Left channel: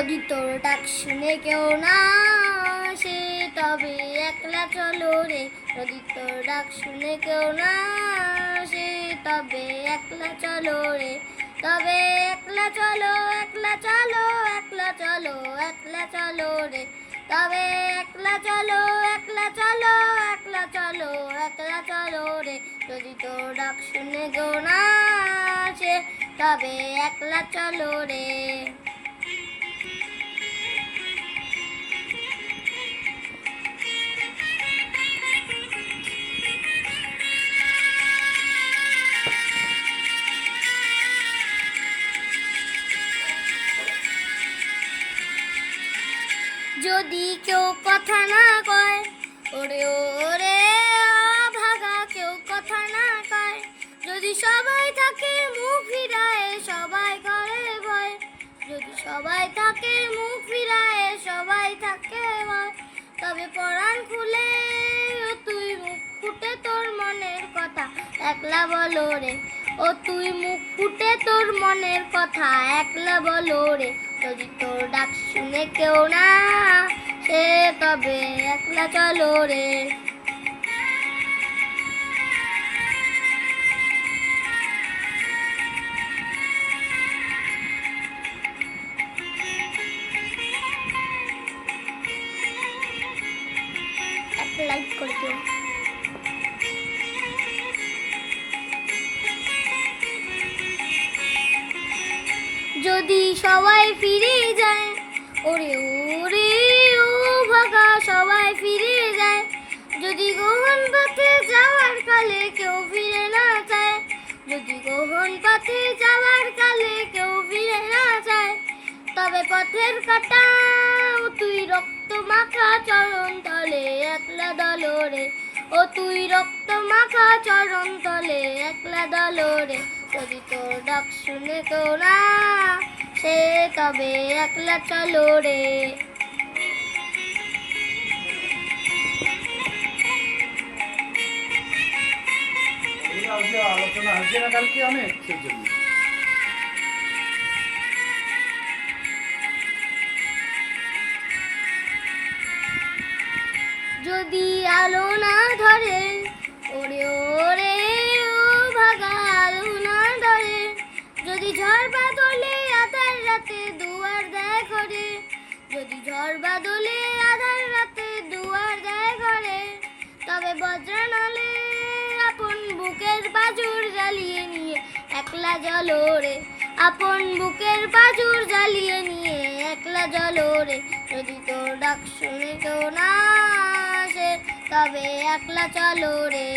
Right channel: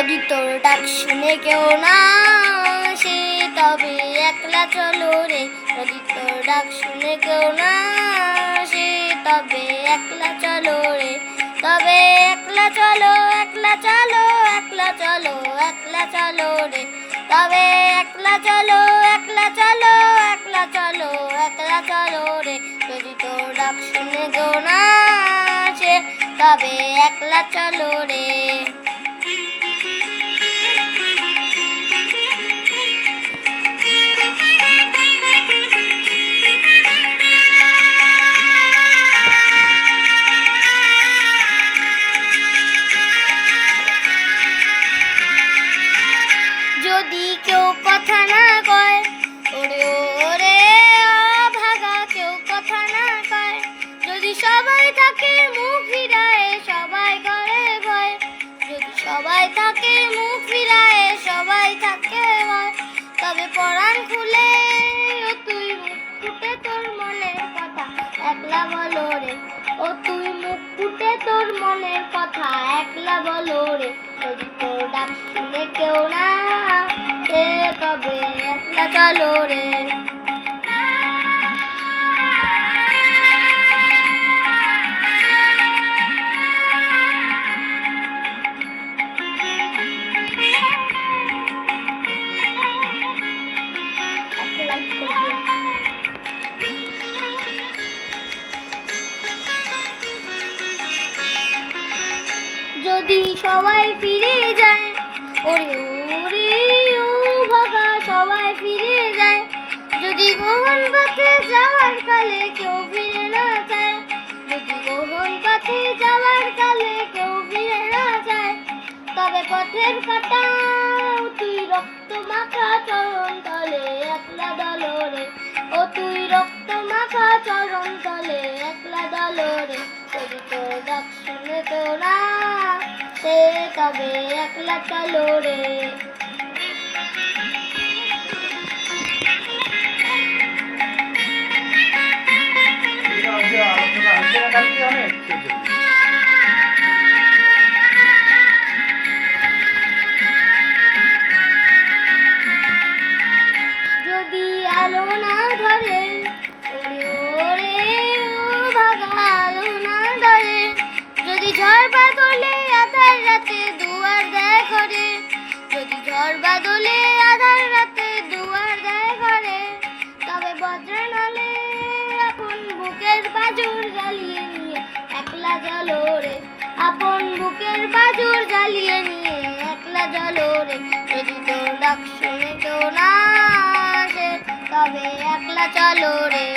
যদি তোর ডাক শুনে কেউ না আসে তবে একলা চলো রে। যদি তোর ডাক শুনে কেউ না আসে তবে একলা চলো রে। তবে একলা চলো, একলা চলো, একলা চলো, একলা চলো রে। তবে একলা চলো, একলা চলো, একলা চলো, একলা চলো রে। যদি তোর ডাক শুনে কেউ না আসে তবে একলা চলো রে। যদি কেউ কথা না কয় ওরে ওরে ভাগা, কেউ কথা না কয়, যদি সবাই থাকে মুখ ফিরায় সবাই করে ভয়। যদি সবাই থাকে মুখ ফিরায় সবাই থাকে ভয়, তবে পরাণ খুলে ও তুই মুখ ফুটে তোর মনের কথা একলা বলো রে। ও তুই মুখ ফুটে তোর মনের কথা একলা বলো রে। যদি তোর ডাক শুনে কেউ না সে তবে একলা চলো রে। যদি সবাই ফিরে যায় ওরে ওরে ও ভাগা, সবাই ফিরে যায়, যদি গহন পথে যাওয়ার কালে কেউ ফিরে না যায়। যদি গহন পথে যাওয়ার কালে কেউ ফিরে না যায়, তবে পথের কাটা তুই রক্ত মাখা চরণ তলে একলা দলো রে। ও তুই রক্ত মাখা চরণ তলে একলা দলো রে। যদি তোর ডাক শুনে কেউ না সে তবে একলা চলো রে। আলোচনা হচ্ছে না কালকে অনেক সেজন্য। যদি আলো না ধরে ওরে ওরে ও ভাগা, আলো না ধরে, যদি ঝড় বাদলে আধার রাতে দুয়ার দেয় ঘরে, যদি ঝড় বাদলে আধার রাতে দুয়ার দেয় ঘরে, তবে বজ্র নলে আপন বুকের বাজুর জ্বালিয়ে নিয়ে একলা জ্বলো রে। আপন বুকের বাজুর জ্বালিয়ে নিয়ে একলা জ্বলো রে। যদি তোর ডাক শুনে কেউ না আসে তবে একলা চলো রে।